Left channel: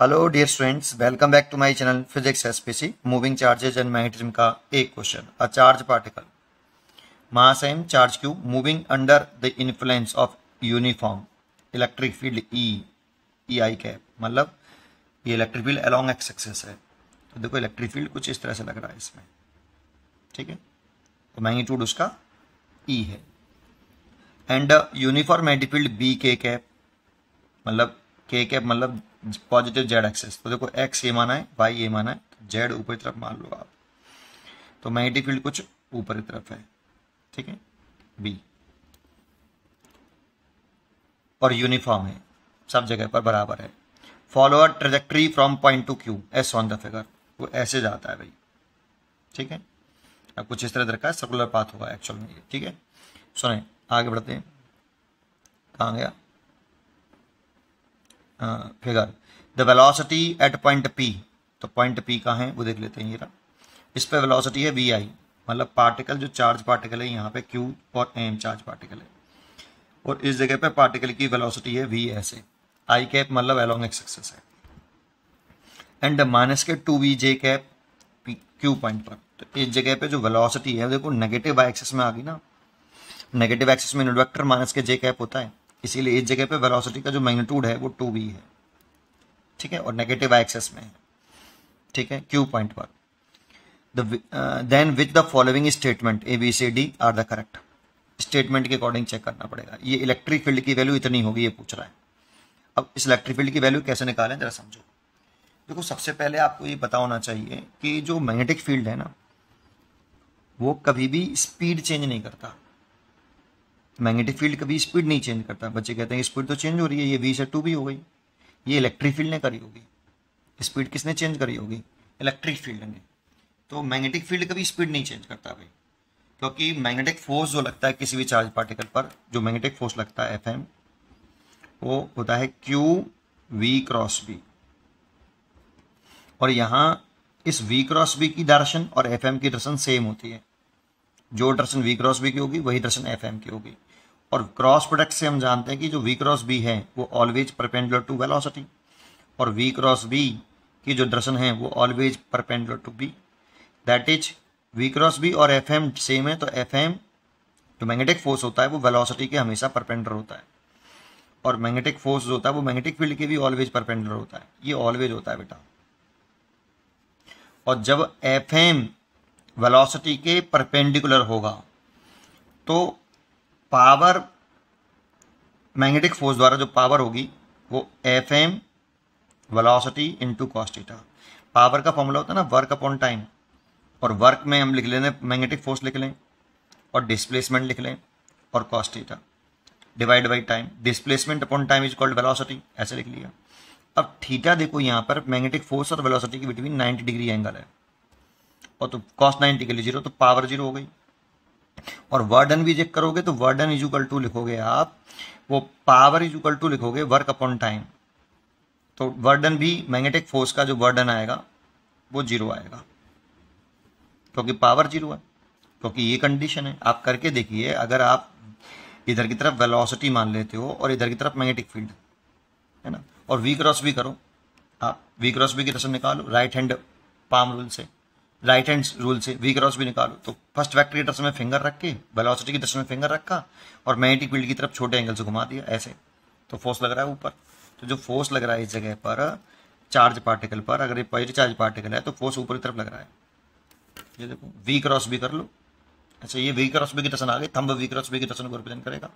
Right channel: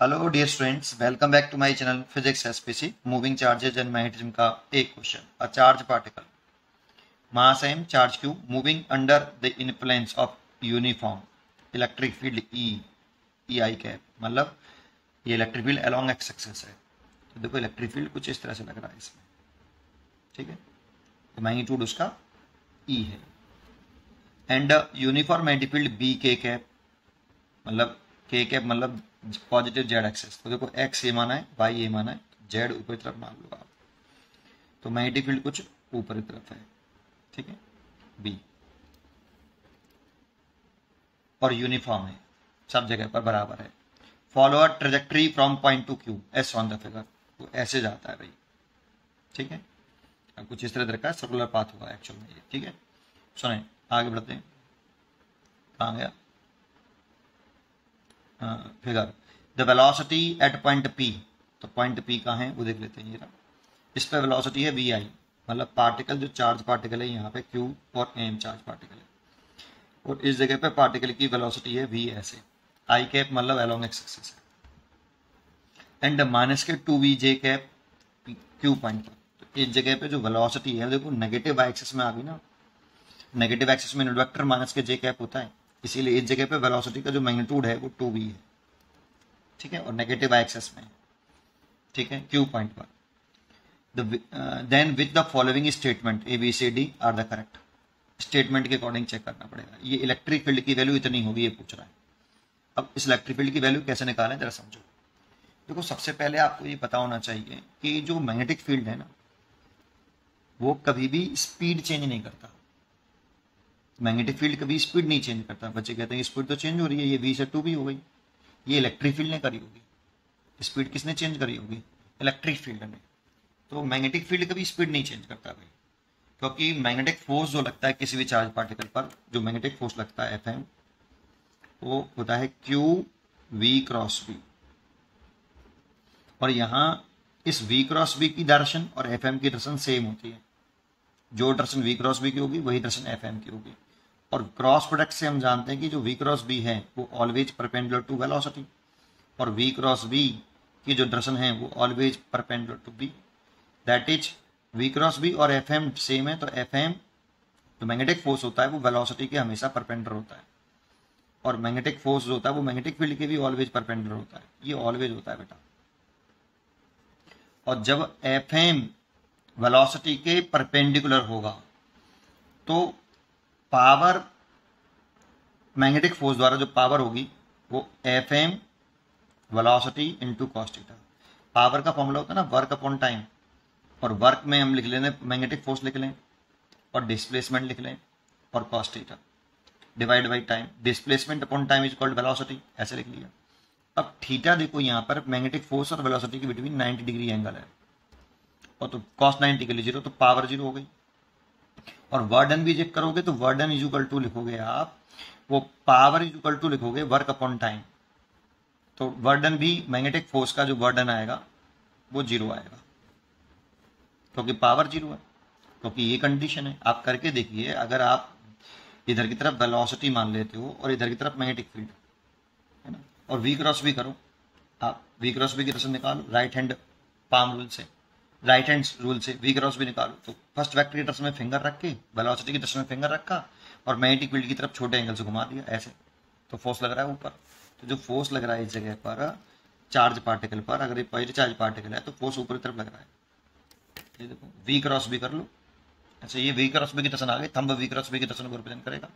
Hello dear students, welcome back to my channel physics SPC. Moving charges and magnetism का एक question. A charge particle mass m charge q moving under the influence of uniform electric field E i cap. मतलब ये electric field along x axis है। तो देखो electric field कुछ इस तरह से लग रहा है इसमें, ठीक है। तो मैग्नीट्यूड उसका ई है। And uniform magnetic field B k cap, मतलब के कैप मतलब पॉजिटिव जेड एक्सेस। तो देखो एक्स ये माना है, वाई ये माना है, जेड ऊपर की तरफ मान लो आप। तो मैग्नेटिक फील्ड कुछ ऊपर की तरफ है, ठीक है, बी, और यूनिफॉर्म है, सब जगह पर बराबर है। Follow a trajectory from point two Q S on the figure. वो ऐसे जाता है भाई, ठीक है। अब कुछ इस तरह रखा है, सर्कुलर पाथ होगा एक्चुअल में ये, ठीक है। सुने आगे बढ़ते हैं, कहाँ गया figure. The velocity at point P. तो पॉइंट पी कहाँ है वो देख लेते हैं। ये इस पे वेलोसिटी है वी आई, मतलब पार्टिकल जो चार्ज पार्टिकल है यहाँ पे क्यू और एम चार्ज पार्टिकल है, और इस जगह पे पार्टिकल की वेलोसिटी है वी ऐसे। आई कैप मतलब अलोंग एक्स एक्सिस है। And minus k to v j cap q point पर। तो इस जगह पे जो वेलोसिटी है देखो नेगेटिव एक्सिस में आ गई ना। नेगेटिव एक्सिस में यूनिट वेक्टर माइनस के जे कैप होता है, इसीलिए इस जगह पे वेलोसिटी का जो मैग्नीट्यूड है वो टू वी है, ठीक है, और नेगेटिव एक्सिस में है, ठीक है, क्यू पॉइंट पर। Then with the following statement A B C D are the correct. Statement के अकॉर्डिंग चेक करना पड़ेगा। ये इलेक्ट्रिक फील्ड की वैल्यू इतनी होगी ये पूछ रहा है। अब इस इलेक्ट्रिक फील्ड की वैल्यू कैसे निकालें जरा समझो। देखो सबसे पहले आपको ये पता होना चाहिए कि जो मैग्नेटिक फील्ड है ना वो कभी भी स्पीड चेंज नहीं करता। मैग्नेटिक फील्ड कभी स्पीड नहीं चेंज करता। बच्चे कहते हैं स्पीड तो चेंज हो रही है, ये वी से टू भी हो गई। ये इलेक्ट्रिक फील्ड ने करी होगी। स्पीड किसने चेंज करी होगी? इलेक्ट्रिक फील्ड ने। तो मैग्नेटिक फील्ड कभी स्पीड नहीं चेंज करता भाई, क्योंकि मैग्नेटिक फोर्स जो लगता है किसी भी चार्ज पार्टिकल पर, जो मैग्नेटिक फोर्स लगता है एफ एम, वो होता है क्यू वी क्रॉस बी। और यहां इस वी क्रॉस बी की डायरेक्शन और एफ एम की डायरेक्शन सेम होती है। जो डायरेक्शन वी क्रॉस बी की होगी वही डायरेक्शन एफ एम की होगी। और क्रॉस प्रोडक्ट से हम जानते हैं कि जो वी क्रॉस बी है वो ऑलवेज परपेंडिकुलर टू वेलोसिटी, और वी क्रॉस बी की जो डायरेक्शन है वो always perpendicular to B. That is v cross B और एफ एम सेम है। तो एफ एम जो मैग्नेटिक फोर्स होता है वो वेलोसिटी के हमेशा परपेंडिकुलर होता है, और मैग्नेटिक फोर्स जो होता है वो मैग्नेटिक फील्ड के भी ऑलवेज परपेंडिकुलर होता है। ये ऑलवेज होता है बेटा। और जब एफ एम वेलोसिटी के परपेंडिकुलर होगा तो पावर, मैग्नेटिक फोर्स द्वारा जो पावर होगी वो F M velocity into cos theta. Power का फॉर्मूला होता है ना वर्क अपॉन टाइम, और वर्क में हम लिख लें मैग्नेटिक फोर्स लिख लें, और डिस्प्लेसमेंट लिख लें, और cos theta divide by time. Displacement upon time is called velocity, ऐसे लिख लिया। अब थीटा देखो यहाँ पर मैग्नेटिक फोर्स और वेलोसिटी के बिटवीन 90 डिग्री एंगल है, और तो कॉस 90 के लिए जीरो, तो पावर जीरो हो गई। और वर्डन भी चेक करोगे तो वर्डन इज इक्वल टू लिखोगे आप, वो पावर इज इक्वल टू लिखोगे वर्क अपॉन टाइम। तो वर्डन भी मैग्नेटिक फोर्स का जो वर्डन आएगा वो जीरो आएगा, क्योंकि पावर जीरो है, क्योंकि ये कंडीशन है। आप करके देखिए, अगर आप इधर की तरफ वेलोसिटी मान लेते हो और इधर की तरफ मैग्नेटिक फील्ड है ना, और वी क्रॉस भी करो, आप वी क्रॉस भी की तरफ निकालो राइट हैंड पाम रूल से, राइट हैंड रूल से वी क्रॉस भी निकालो। तो फर्स्ट वेक्टर की तरफ में फिंगर रख के, वेलोसिटी की तरफ में फिंगर रखा, और मैग्नेटिक फील्ड की तरफ छोटे एंगल से घुमा दिया ऐसे, तो फोर्स लग रहा है ऊपर। तो जो फोर्स लग रहा है इस जगह पर चार्ज पार्टिकल पर, अगर ये पॉजिटिव चार्ज पार्टिकल है तो फोर्स ऊपर की तरफ लग रहा है। ये देखो वी क्रॉस भी कर लो। अच्छा, ये वी क्रॉस बी की दर्शन आ गई, थंब वी क्रॉस बी की दर्शन को रिप्रेजेंट करेगा।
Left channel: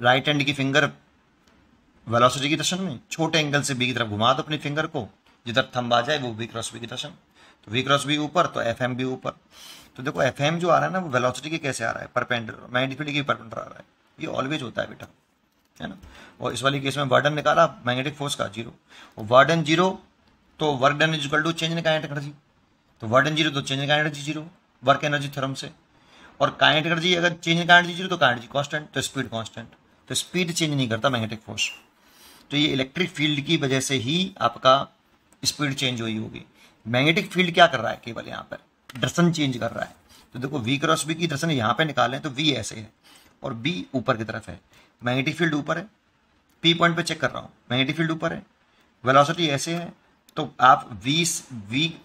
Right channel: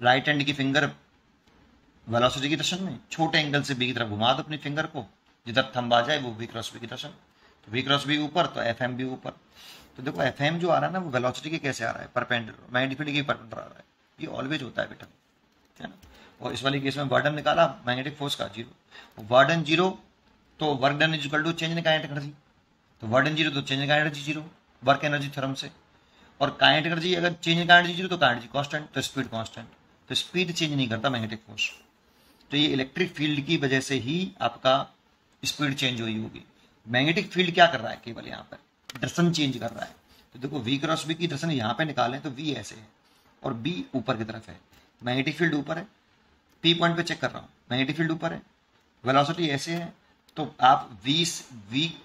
राइट हैंड की फिंगर वेलोसिटी की दर्शन में छोटे एंगल से बी की तरफ घुमा दो अपनी फिंगर को, जिधर थंब आ जाए वो वी क्रॉस बी की दर्शन। तो वी क्रॉस बी ऊपर तो एफ एम भी ऊपर। तो देखो एफ एम जो आ रहा है ना वो वेलोसिटी के कैसे आ रहा है? परपेंडिकुलर, मैग्नेटिक फील्ड के परपेंडिकुलर आ रहा है। ये ऑलवेज होता है बेटा, है ना। और इस वाली केस में वर्डन निकाला मैग्नेटिक फोर्स का जीरो, और वर्डन जीरो तो work done is equal to change in kinetic energy. तो वर्डन जीरो तो change in kinetic energy zero, work energy theorem से। और काइनेटिक एनर्जी अगर change in kinetic energy zero तो kinetic constant, तो speed constant. तो speed change नहीं करता मैग्नेटिक फोर्स। तो ये इलेक्ट्रिक फील्ड की वजह से ही आपका स्पीड चेंज हुई होगी। मैग्नेटिक फील्ड क्या कर रहा है? केवल यहाँ पर डायरेक्शन चेंज कर रहा है। तो देखो वी क्रॉस बी की डायरेक्शन यहाँ पे निकालें तो वी ऐसे है और बी ऊपर की तरफ है। मैग्नेटिक फील्ड ऊपर है, पी पॉइंट पे चेक कर रहा हूँ, मैग्नेटिक फील्ड ऊपर है, वेलोसिटी ऐसे है तो आप वी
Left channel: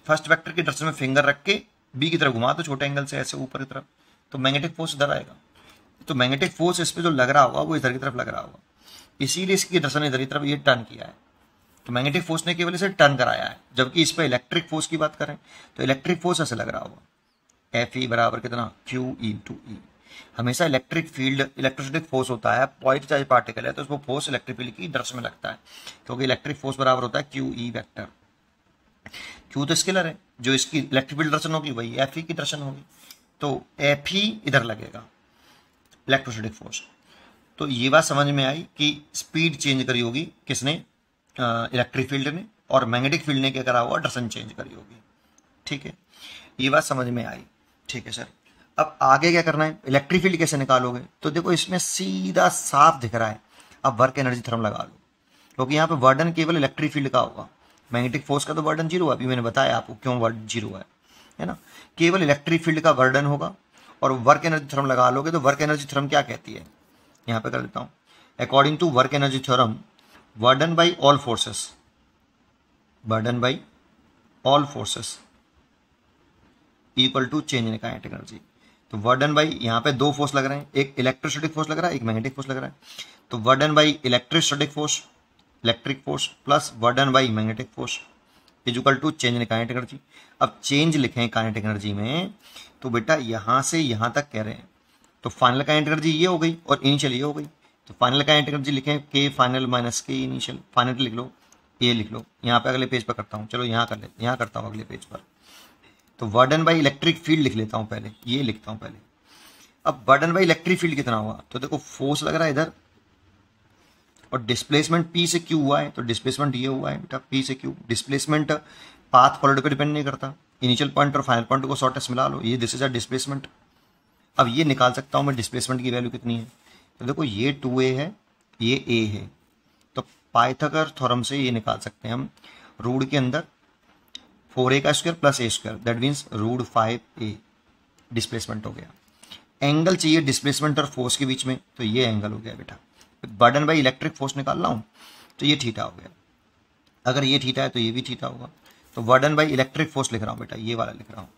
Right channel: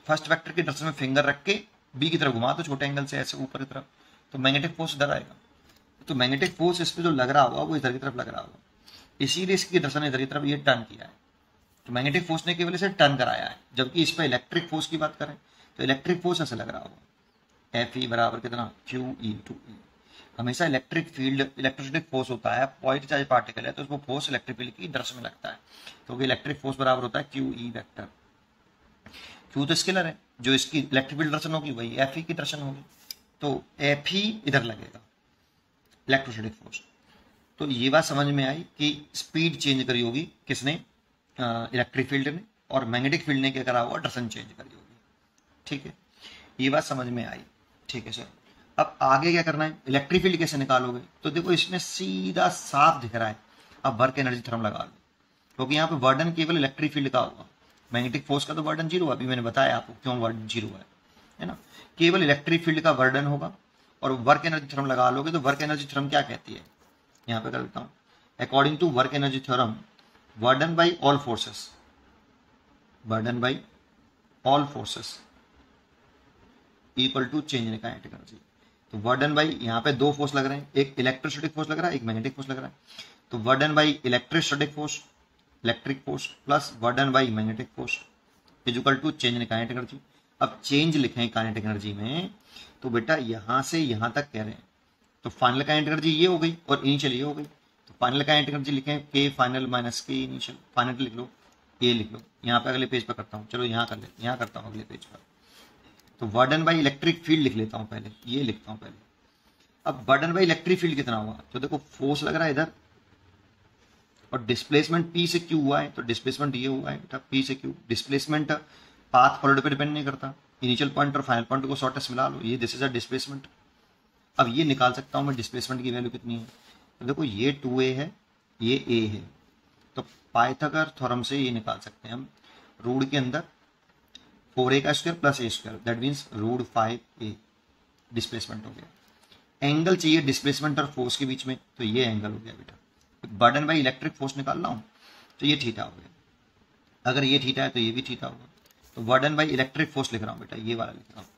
फर्स्ट वेक्टर की डायरेक्शन में फिंगर रख के बी की तरफ घुमा तो छोटे एंगल से ऐसे ऊपर की तरफ, तो मैग्नेटिक फोर्स इधर आएगा। तो मैग्नेटिक फोर्स इस पे जो लग रहा होगा वो इधर की तरफ लग रहा होगा, इसीलिए इसकी डायरेक्शन इधर की तरफ ये टर्न किया है। तो मैग्नेटिक फोर्स ने केवल इसे टर्न कराया है, जबकि इस पर इलेक्ट्रिक फोर्स की बात करें तो इलेक्ट्रिक फोर्स ऐसे लग रहा होगा, एफ ई बराबर कितना क्यू ई टू ई। हमेशा इलेक्ट्रिक फील्ड इलेक्ट्रोस्टैटिक फोर्स होता है, पॉइंट चार्ज पार्टिकल है तो उसको फोर्स इलेक्ट्रिक फील्ड की डायरेक्शन में लगता है, क्योंकि इलेक्ट्रिक फोर्स बराबर होता है क्यू ई वेक्टर। क्यू तो स्केलर है, जो इसकी इलेक्ट्रिक फील्ड डायरेक्शन होगी वही एफ ई की डायरेक्शन होगी, तो एफ ई इधर लगेगा इलेक्ट्रोस्टैटिक फोर्स। तो ये बात समझ में आई कि स्पीड चेंज करी होगी किसने, इलेक्ट्रिक फील्ड ने, और मैग्नेटिक फील्ड ने क्या करा होगा, डायरेक्शन चेंज करी होगी। ठीक है, ये बात समझ में आई। ठीक है सर, अब आगे क्या करना है, इलेक्ट्रिक फील्ड कैसे निकालोगे, तो देखो इसमें सीधा साफ दिख रहा है। अब वर्क एनर्जी थ्योरम लगा लो, क्योंकि यहाँ पे वर्डन केवल इलेक्ट्रिक फील्ड का होगा, मैग्नेटिक फोर्स का तो वर्डन जीरो है, अभी मैंने बताया आपको क्यों वर्डन जीरो है ना। केवल इलेक्ट्रिक फील्ड का वर्डन होगा, और वर्क एनर्जी थ्योरम लगा लोगे तो वर्क एनर्जी थ्योरम क्या कहती है, यहाँ पे कर लेता हूँ। According to work energy theorem, work done by all forces, work done by all forces equal to change in kinetic energy. तो वर्डन बाई, यहाँ पे दो फोर्स लग रहे हैं, एक इलेक्ट्रोस्टैटिक फोर्स लग रहा है, एक मैग्नेटिक फोर्स लग रहा है। तो work done by electrostatic force, electric force plus work done by magnetic force is equal to change in kinetic energy. अब चेंज लिखें काइनेटिक एनर्जी में, तो बेटा यहाँ से यहाँ तक कह रहे हैं, तो फाइनल काइनेटिक एनर्जी ये हो गई और इनिशियल ये हो गई। तो फाइनल काइनेटिक एनर्जी लिखें के फाइनल माइनस के इनिशियल, फाइनल लिख लो, ये लिख लो। यहाँ पे अगले पेज पर करता हूँ, चलो यहाँ कर लेते, यहाँ करता हूँ अगले पेज पर। तो वर्डन बाई इलेक्ट्रिक फील्ड लिख लेता हूँ पहले, ये लिखता हूँ पहले। अब वर्डन बाई इलेक्ट्रिक फील्ड कितना हुआ, तो देखो फोर्स लग रहा है इधर, और डिस्प्लेसमेंट पी से क्यू हुआ है, तो डिस्प्लेसमेंट ये हुआ है बेटा पी से क्यू। डिस्प्लेसमेंट पाथ फॉरवर्ड पे डिपेंड नहीं करता, इनिशियल पॉइंट और फाइनल पॉइंट को शॉर्टेस्ट मिला लो, ये दिस इज अ डिस्प्लेसमेंट। अब ये निकाल सकता हूँ मैं डिस्प्लेसमेंट की वैल्यू कितनी है, तो देखो ये 2a है, ये a है, तो पाइथागोरस थ्योरम से ये निकाल सकते हैं हम, रूट के अंदर 4a का square plus a square, that means root 5a displacement हो गया। एंगल चाहिए डिस्प्लेसमेंट और फोर्स के बीच में, तो ये एंगल हो गया बेटा। बर्डन बाई इलेक्ट्रिक फोर्स निकाल रहा हूँ, तो ये थीटा हो गया, अगर ये थीटा है तो ये भी थीटा होगा। तो बर्डन बाई इलेक्ट्रिक फोर्स लिख रहा हूँ बेटा, ये वाला लिख रहा हूँ,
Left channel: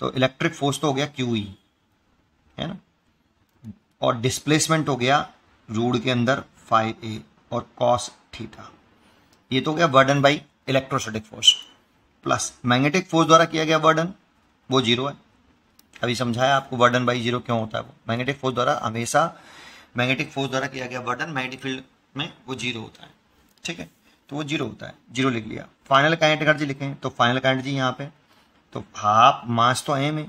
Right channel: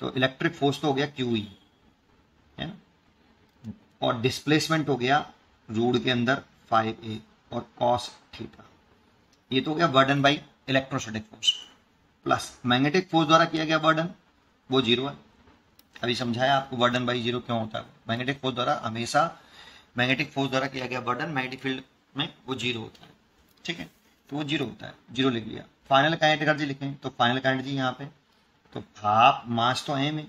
तो इलेक्ट्रिक फोर्स तो हो गया QE है ना, और डिस्प्लेसमेंट हो गया रूट के अंदर 5a और कॉस थीटा, ये तो हो गया burden by electrostatic force. Plus magnetic force द्वारा किया गया बर्डन वो जीरो है, अभी समझाया आपको बर्डन बाई जीरो क्यों होता है। वो मैग्नेटिक फोर्स द्वारा हमेशा, मैग्नेटिक फोर्स द्वारा किया गया बर्डन मैग्नेटिक फील्ड में वो जीरो होता है। ठीक है, तो वो जीरो होता है, जीरो लिख लिया। फाइनल काइनेटिक एनर्जी लिखें, तो फाइनल काइनेटिक एनर्जी यहाँ पे, तो हाफ मास तो m है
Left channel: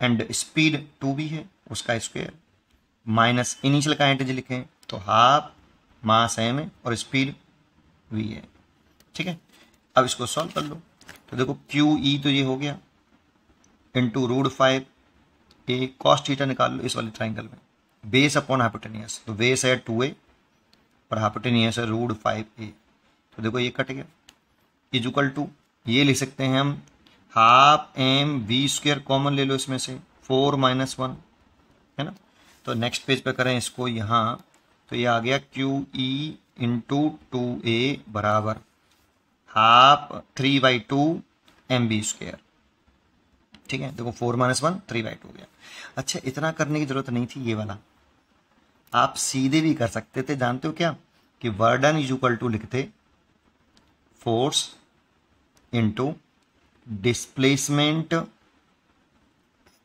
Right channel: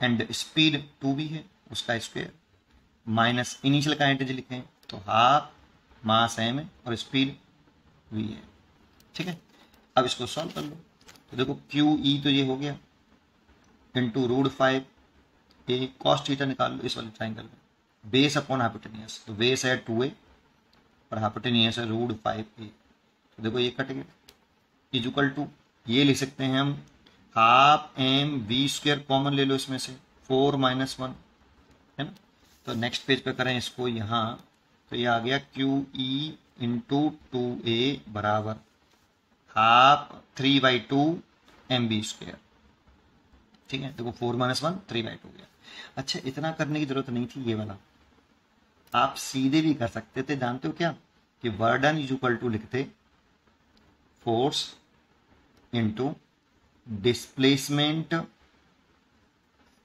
एंड स्पीड 2b है, उसका square minus initial kinetic energy लिखें, तो हाफ मास m है और स्पीड v है। ठीक है, अब इसको सॉल्व कर लो, तो देखो QE तो ये हो गया into root 5a cos theta निकाल लो इस वाले ट्राइंगल में, बेस अपॉन हाइपोटेनियस, तो बेस है 2a और हाइपोटेनियस है रूट 5a, तो देखो ये कट गया, इज इक्वल टू ये लिख सकते हैं हम half m v square, common ले लो इसमें से 4 - 1 है ना। तो नेक्स्ट पेज पे करें इसको यहाँ, तो ये आ गया QE इंटू 2a बराबर हाफ 3/2 mv स्क्वायर। ठीक है, देखो 4 - 1 3/2 हो गया। अच्छा, इतना करने की जरूरत नहीं थी, ये वाला आप सीधे भी कर सकते थे, जानते हो क्या, कि वर्डन इज इक्वल टू लिखते force into displacement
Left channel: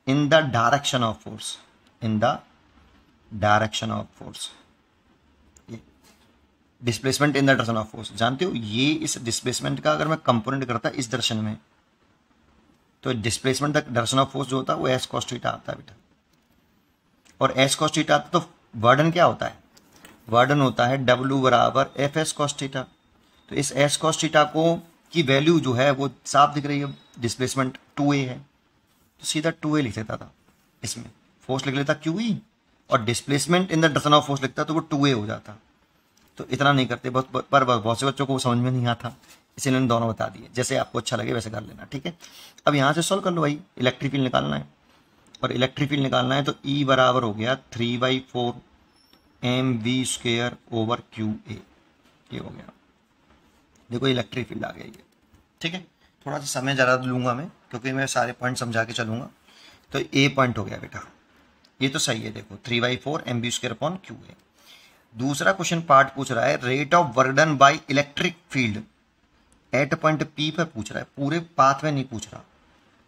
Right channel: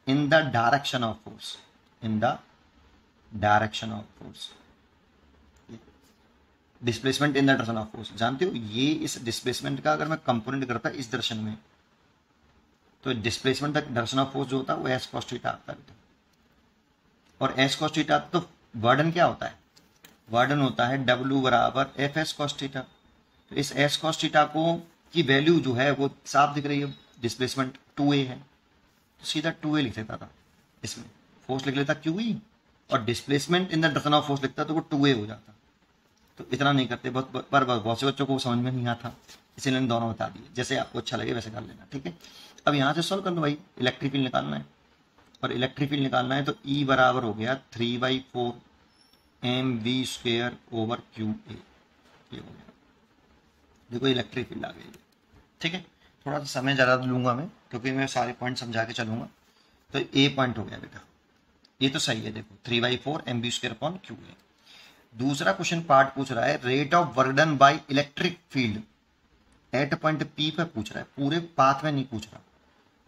in the direction of force, in the direction of force, displacement in the direction of force. जानते हो ये इस डिस्प्लेसमेंट का अगर मैं कंपोनेंट करता इस दर्शन में, तो displacement the direction of force जो होता है वो s cos थीटा आता है बेटा, और s cos थीटा आता, तो वर्डन क्या होता है, वर्डन होता है W बराबर fs cos थीटा। तो इस s cos थीटा को की वैल्यू जो है वो साफ दिख रही है, डिस्प्लेसमेंट 2a है, तो सीधा 2a लिख लेता था, इसमें फोर्स लिख लेता QE और displacement in the direction of force लिखता तो वो 2a हो जाता। तो इतना नहीं करते, बहुत से बच्चों को समझ में नहीं आता, इसीलिए इन दोनों बता दिए, जैसे आपको अच्छा लगे वैसे कर लेना। ठीक है, अब यहाँ से सॉल्व कर लो भाई, इलेक्ट्रिक फील्ड निकालना है, और इलेक्ट्रिक फील्ड निकालना है तो E बराबर हो गया 3/4 mv स्क्वायर ओवर QA, ये हो गया। देखो इलेक्ट्रिक फील्ड आ गया ये, ठीक है। थोड़ा सा समय ज़्यादा लूंगा मैं, क्योंकि मैं सारे पॉइंट समझा के चलूंगा। तो ए पॉइंट हो गया बेटा, ये तो सही है। देखो 3/4 mv²/q है। दूसरा क्वेश्चन पार्ट पूछ रहा है rate of work done by electric field at point P पर पूछ रहा है, पूरे पाथ में नहीं पूछ रहा।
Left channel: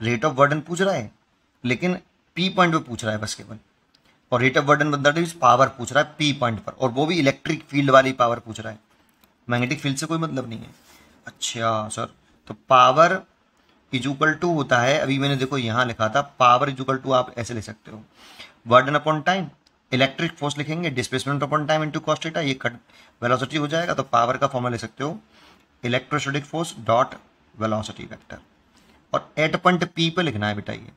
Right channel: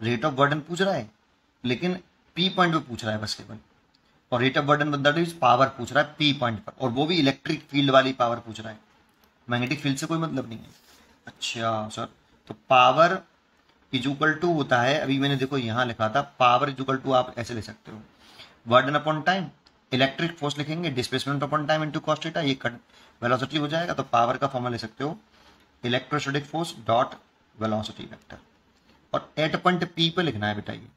रेट ऑफ वर्क डन पूछ रहा है लेकिन पी पॉइंट पे पूछ रहा है बस केवल। और rate of work done that is power पूछ रहा है पी पॉइंट पर, और वो भी इलेक्ट्रिक फील्ड वाली पावर पूछ रहा है, मैग्नेटिक फील्ड से कोई मतलब नहीं है। अच्छा सर, तो पावर इजुकल टू होता है, अभी मैंने देखो यहाँ लिखा था पावर इजुकल टू, आप ऐसे ले सकते हो work done upon time, electric force लिखेंगे displacement upon time into cos theta, ये कट वेलोसिटी हो जाएगा। तो पावर का फॉर्मूला ले सकते हो electrostatic force dot velocity vector, और एट पॉइंट पी पे लिखना है बेटा ये।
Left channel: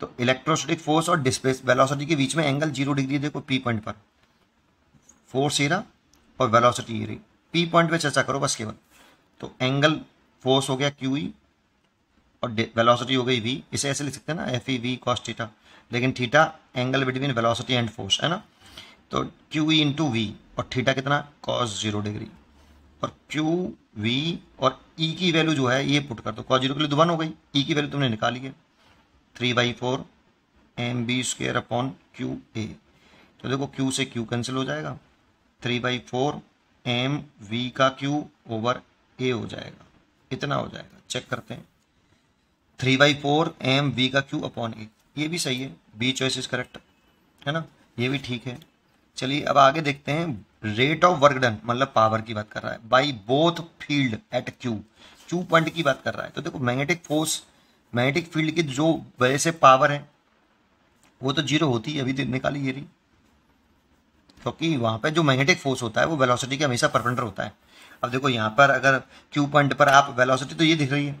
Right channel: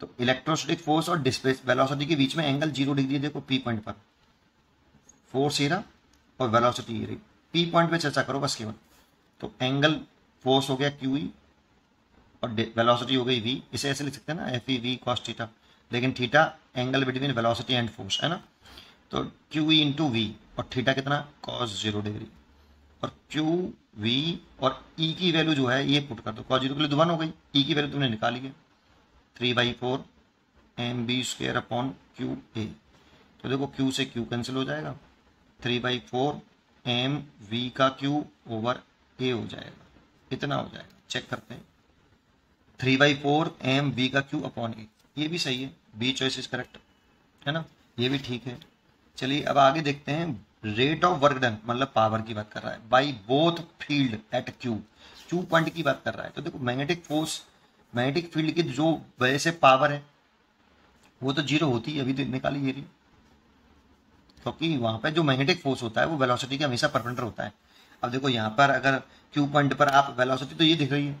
तो इलेक्ट्रोस्टैटिक फोर्स और डिस्प्लेस वेलोसिटी के बीच में एंगल 0 डिग्री देखो पी पॉइंट पर, फोर्स ये रहा और वेलोसिटी ये रही, पी पॉइंट पे चर्चा करो बस केवल। तो एंगल फोर्स हो गया क्यू ई और वेलोसिटी हो गई वी, इसे ऐसे लिख सकते हैं ना F E V cos theta, लेकिन theta angle between velocity and force है ना। तो क्यू ई इंटू वी, और थीटा कितना कॉस 0 डिग्री, और क्यू वी और ई की वैल्यू जो है ये पुट कर दो, कॉस 0 के लिए 1 हो गई, ई की वैल्यू तुमने निकाली है 3/4 mv²/qa। तो देखो क्यू से क्यू कैंसिल हो जाएगा, 3/4 mv का क्यू ओवर ए हो जाएगा, इतना हो जाएगा। चेक करते हैं 3/4 mv का क्यू अपॉन ए, ये भी सही है, बी चॉइस इज करेक्ट है ना, ये भी ठीक है। चलिए अब आगे देखते हैं रेट ऑफ वर्क डन, मतलब पावर की बात कर रहा है by both field at Q, Q point की बात कर रहा है। तो देखो मैग्नेटिक फोर्स, मैग्नेटिक फील्ड की जो वजह से पावर है वो तो 0 होती है, अभी तो निकाली ये रही, क्योंकि वहां पे जो मैग्नेटिक फोर्स होता है वो वेलोसिटी के हमेशा परपेंडिकुलर होता है। अब देखो यहाँ पर अगर क्यू पॉइंट पर आप वेलोसिटी तो ये दिख रही है,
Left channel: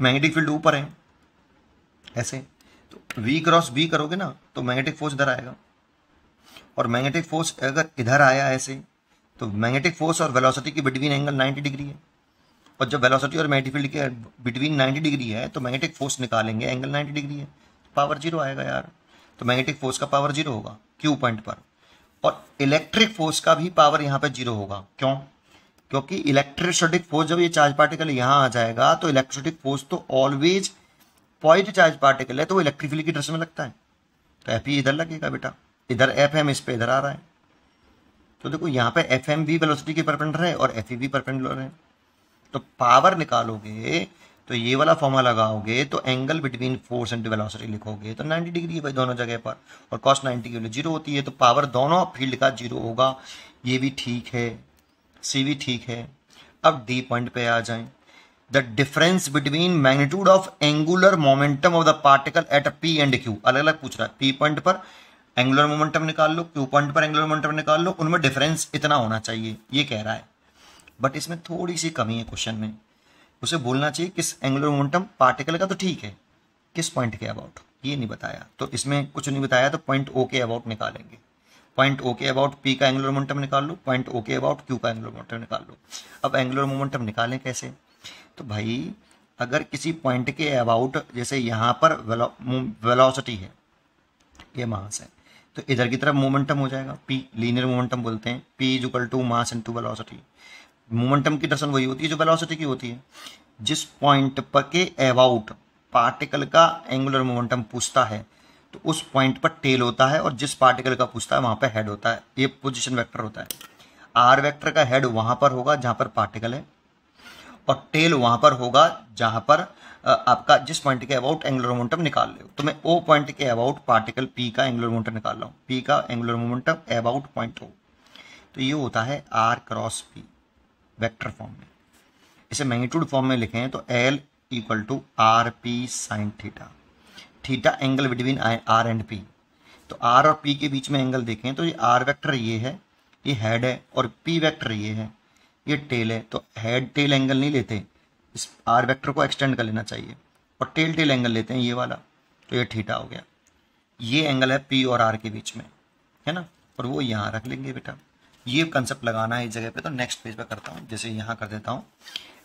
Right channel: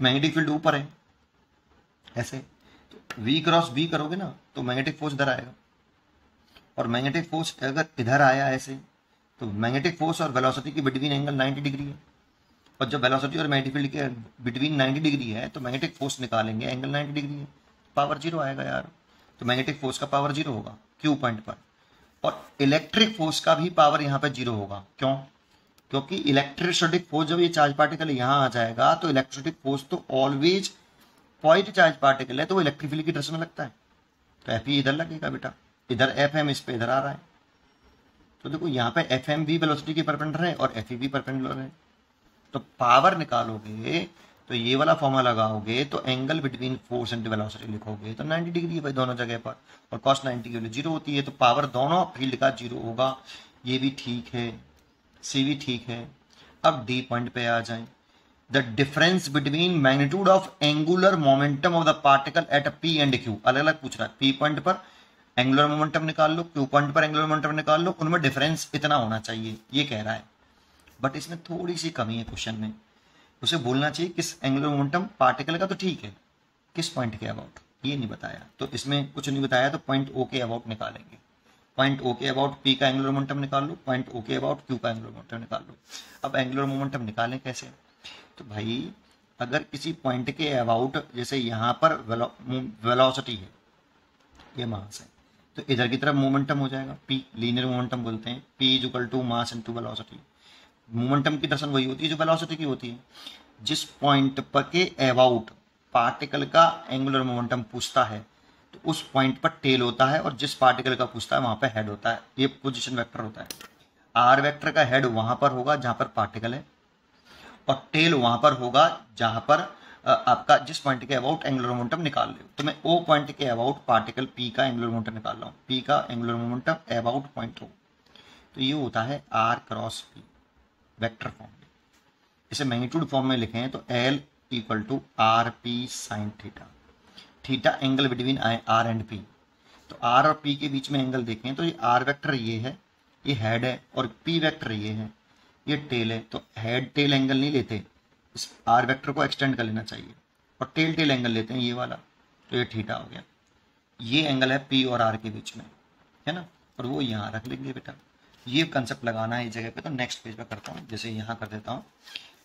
मैग्नेटिक फील्ड ऊपर है ऐसे, तो वी क्रॉस बी करोगे ना तो मैग्नेटिक फोर्स इधर आएगा, और मैग्नेटिक फोर्स अगर इधर आया ऐसे तो मैग्नेटिक फोर्स और वेलोसिटी की बिटवीन एंगल 90 डिग्री है, और जब वेलोसिटी और मैग्नेटिक फील्ड के बिटवीन 90 डिग्री है तो मैग्नेटिक फोर्स निकालेंगे एंगल 90 डिग्री है, पावर 0 आएगा यार। तो मैग्नेटिक फोर्स का पावर 0 होगा क्यू पॉइंट पर, और इलेक्ट्रिक फोर्स का भी पावर यहाँ पे 0 होगा। क्यों? क्योंकि इलेक्ट्रोस्टैटिक फोर्स जब ये चार्ज पार्टिकल यहाँ आ जाएगा तो इलेक्ट्रोस्टैटिक फोर्स तो ऑलवेज पॉइंट चार्ज पार्टिकल है, तो वो इलेक्ट्रिक फील्ड की डायरेक्शन में लगता है, तो एफ ई इधर लगेगा बेटा, इधर एफ एम इस पे इधर आ रहा है। तो देखो यहाँ पे एफ एम भी वेलोसिटी के परपेंडिकुलर है और एफ ई भी परपेंडिकुलर है। तो पावर निकालोगे तो ये वाला फॉर्मूला लगाओगे तो angle between force and velocity लिखोगे तो 90 डिग्री है भाई दोनों जगह पर, और कॉस 90 के लिए 0 होती है, तो पावर दोनों फील्ड का 0 होगा। ये भी ठीक है, सी भी ठीक है। अब डी पॉइंट पे आ जाएं, the difference between magnitude of angular momentum of the particle at P and Q, अलग अलग पूछ रहा है। पी पॉइंट पर एंगुलर मोमेंटम निकाल लो, क्यू पॉइंट पर एंगुलर मोमेंटम निकाल लो, उनमें डिफरेंस इतना होना चाहिए, ये कह रहा है। बट इसमें थोड़ी सी कमी है क्वेश्चन में, उसे बोलना चाहिए किस एंगुलर मोमेंटम पार्टिकल का, तो ठीक है, किस पॉइंट के अबाउट ये नहीं बताया, तो इसमें कुछ नहीं बताया, तो पॉइंट ओ के अबाउट निकालेंगे। पॉइंट ओ के अबाउट पी का एंगुलर मोमेंटम निकाल लो, पॉइंट ओ के अबाउट क्यू का एंगुलर मोमेंटम निकाल लो। अब एंगुलर मोमेंटम निकालें कैसे? तो भाई अगर किसी पॉइंट के अबाउट, जैसे यहाँ पर वेलोसिटी है ये मास है, तो इधर की तरफ मोमेंटम हो जाएगा पी, लीनियर मोमेंटम बोलते हैं, P is equal to mass into velocity. Momentum की डायरेक्शन वही होती है जो वेलोसिटी की होती है। जिस पॉइंट पर के अबाउट पार्टिकल का एंगुलर मोमेंटम पूछता है तो उस पॉइंट पर टेल होता है, और जिस पार्टिकल का पूछता है वहां पर हेड होता है, ये पोजीशन वेक्टर होता है। आर वेक्टर का हेड वहां पर होगा जहां पर पार्टिकल है, और टेल वहां पर होगा जहां पर आपका जिस पॉइंट के अबाउट एंगुलर मोमेंटम निकाल रहे हो। तो मैं ओ पॉइंट के अबाउट पार्टिकल पी का एंगुलर मोमेंटम निकाल रहा हूँ, पी का angular momentum about point O, तो ये होता है R cross P vector form में। इसे मैग्नीट्यूड फॉर्म में लिखें तो L equal to R P sine theta, theta angle between R and P. तो आर और पी के बीच में एंगल देखें तो ये आर वेक्टर ये है, ये हेड है, और पी वेक्टर ये है, ये टेल है। तो हेड टेल एंगल नहीं लेते, इस आर वेक्टर को एक्सटेंड कर लेना चाहिए, और टेल टेल एंगल लेते हैं ये वाला, तो ये थीटा हो गया। ये एंगल है पी और आर के बीच में, है ना, और वो यहाँ रख लेंगे बेटा। ये कंसेप्ट लगाना है इस जगह पे, तो नेक्स्ट पेज पे करता हूँ, जैसे यहाँ कर देता हूँ।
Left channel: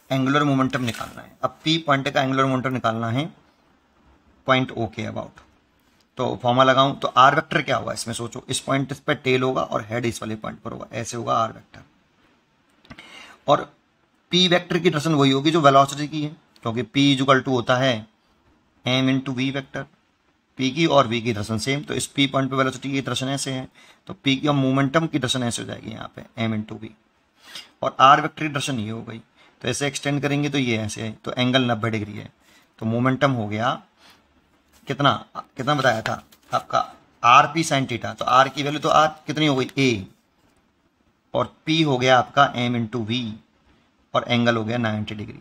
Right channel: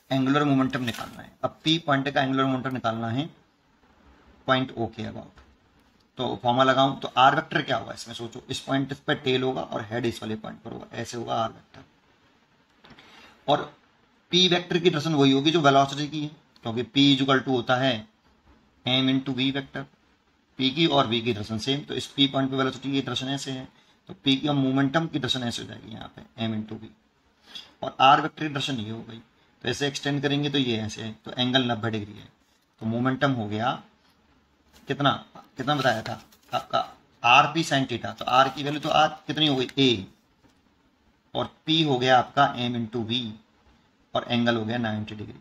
एंगुलर मोमेंटम निकालना है, अब पी पॉइंट का एंगुलर मोमेंटम निकालना है पॉइंट ओ के अबाउट। तो फॉर्मूला लगाऊं तो आर वेक्टर क्या होगा इसमें, सोचो, इस पॉइंट पे टेल होगा और हेड इस वाले पॉइंट पर होगा, ऐसे होगा आर वेक्टर। और पी वेक्टर की डायरेक्शन वही होगी जो वेलोसिटी की है, क्योंकि पी इक्वल टू होता है M into V vector. P की और वी की डायरेक्शन सेम, तो इस पी पॉइंट पे वेलोसिटी की डायरेक्शन ऐसे है, तो पी की और मोमेंटम की डायरेक्शन ऐसे हो जाएगी यहाँ पे एम इंटू वी। और आर वेक्टर की डायरेक्शन ये हो गई, तो ऐसे एक्सटेंड करेंगे तो ये ऐसे है, तो एंगल 90 डिग्री है। तो मोमेंटम हो गया कितना कितना बताया था आपका, आर पी साइन थीटा। तो आर की वैल्यू तो आर कितनी हो गई ए, और पी हो गया आपका एम इंटू वी, और एंगल हो गया 90 डिग्री।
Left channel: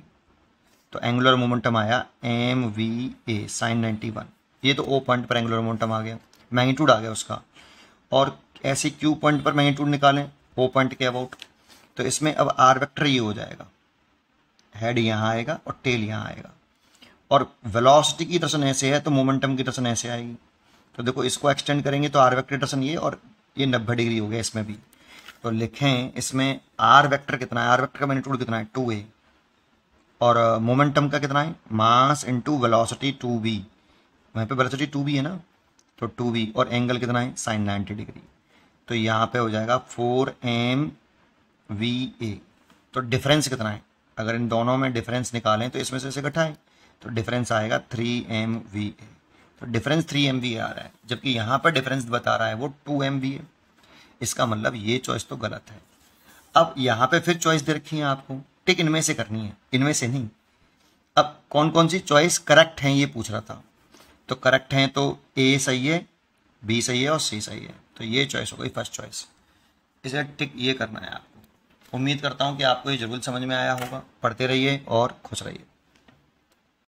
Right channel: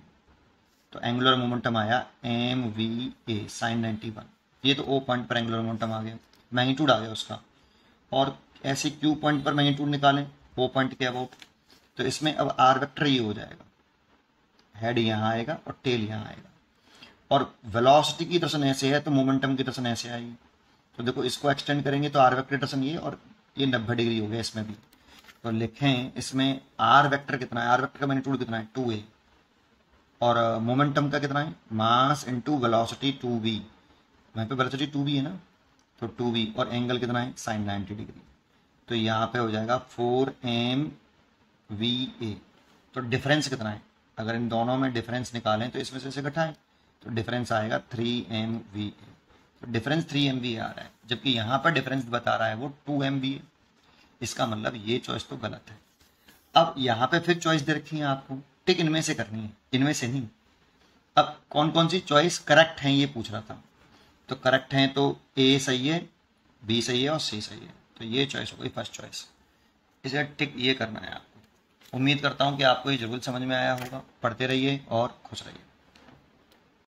तो एंगुलर मोमेंटम आया एम वी ए साइन 91। ये तो ओ पॉइंट पर एंगुलर मोमेंटम आ गया, मैग्नीट्यूड आ गया उसका। और ऐसे क्यू पॉइंट पर मैग्नीट्यूड निकालें ओ पॉइंट के अबाउट, तो इसमें अब आर वेक्टर ये हो जाएगा, हेड यहाँ आएगा और टेल यहाँ आएगा। और वेलोसिटी की डायरेक्शन ऐसे है तो मोमेंटम की डायरेक्शन ऐसे आएगी। तो देखो इसको एक्सटेंड करेंगे तो आर वेक्टर डायरेक्शन ये, और ये 90 डिग्री हो गया इसमें भी। तो लिखें इसमें आर वेक्टर कितना है, आर वेक्टर का मैग्नीट्यूड कितना है 2a, और मोमेंटम का कितना है मास इंटू वेलोसिटी 2v, वहाँ पे वेलोसिटी 2v है ना, तो 2v, और एंगल कितना है साइन 90 डिग्री। तो यहाँ पे हो जाएगा 4mva। तो डिफरेंस कितना है, अगर इन दोनों में डिफरेंस निकालें तो इसमें से घटाएं, तो डिफरेंस आएगा 3mva। तो डिफरेंस 3mva आ रहा है, जबकि यहाँ पर डिफरेंस बता रहा है वो 2mva। इसका मतलब ये चॉइस तो गलत है। अब यहाँ पे फिर चॉइस दे रखी है आपको, टिक इनमें से करनी है, इनमें से नहीं। अब कौन कौन सी चॉइस करेक्ट है ये पूछ रहा था, तो करेक्ट है तो ए सही है, बी सही है और सी सही है। तो ये चॉइस हो गई फर्स्ट चॉइस, इसे टिक ये करना है आपको। उम्मीद करता हूँ कि आपको ये जरूर समझ में आया होगा। पढ़ते रहिए और खुश रहिए।